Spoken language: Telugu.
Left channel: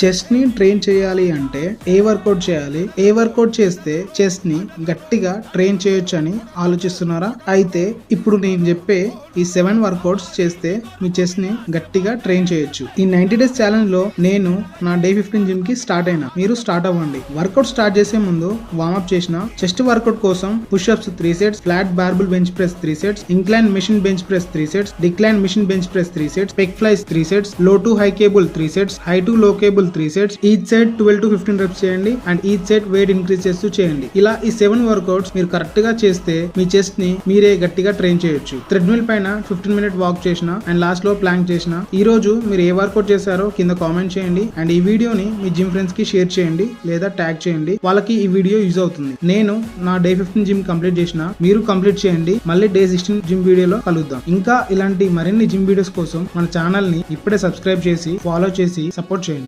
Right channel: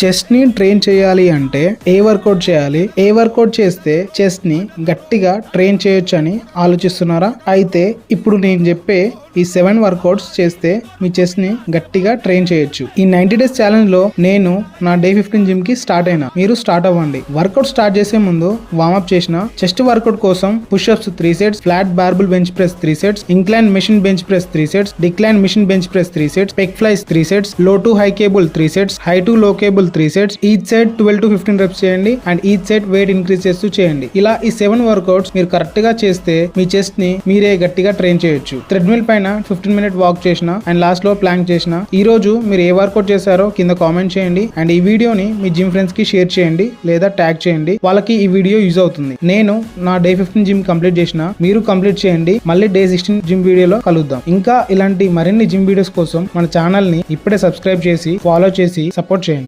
చెస్ట్ ని ట్రైన్ చేయాలి అంటే ఏ వర్కౌట్ చేయాలి, ఏ వర్కౌట్ చేస్తే చెస్ట్ ని గట్టిగా ట్రైన్ చేయొచ్చు అని ఆలోచిస్తున్నారా? అయితే ఇప్పుడు నేను చెప్పే ఈ 7 వర్కౌట్స్ చేస్తే మీ చెస్ట్ ని గట్టిగా ట్రైన్ చేయొచ్చు. ఈ 90 డేస్ ఛాలెంజ్ లో నేను నా డే 15 జిమ్ కి స్టార్ట్ అయినా. మీరు స్టార్ట్ అవ్వండి. వర్కౌట్ స్టార్ట్ చేసే ముందు వార్మప్ చేసిన. చెస్ట్ వర్కౌట్ కోసం push-ups 3 sets, flat బార్బుల్ bench press 3 sets, incline machine bench press 3 sets, decline machine bench press 3 sets, పెక్ flies 3 sets, లో to high cable 3 sets, high to లో cable 3 sets. Each set 12 to 15 reps చేయండి and each set wait increase చేస్తూ చేయండి. ఇలా ఈ 7 వర్కౌట్స్ మీరు కరెక్ట్ గా చేస్తే మీ చెస్ట్ ని మీరే గట్టిగా ట్రైన్ చేయొచ్చు. థ్రెడ్మిల్ పైన 15 మినిట్ వాక్ చేసిన అండ్ లాస్ట్ లో ప్లాంక్ చేసిన. ఈ రోజు మీరు ఏ వర్కౌట్ చేశారో కింద కామెంట్ చేయండి అండ్ ఈ వీడియోని మీ జిమ్ ఫ్రెండ్స్ కి షేర్ చేయండి లేదా ట్యాగ్ చేయండి. వాళ్ళకి ఈ వీడియో యూజ్ అవుతుంది. నేను నా డే 15 జిమ్ కంప్లీట్ చేసిన. మీరు కంప్లీట్ చేయండి. మళ్ళీ డే 16 జిమ్ వీడియోలో కలుద్దాం. ఇంకా ఇలాంటి మరిన్ని జిమ్ వీడియోస్ కోసం మన ఛానల్ ని ఇప్పుడే సబ్స్క్రైబ్ చేసి ఫాలో చేసి సపోర్ట్ చేయండి.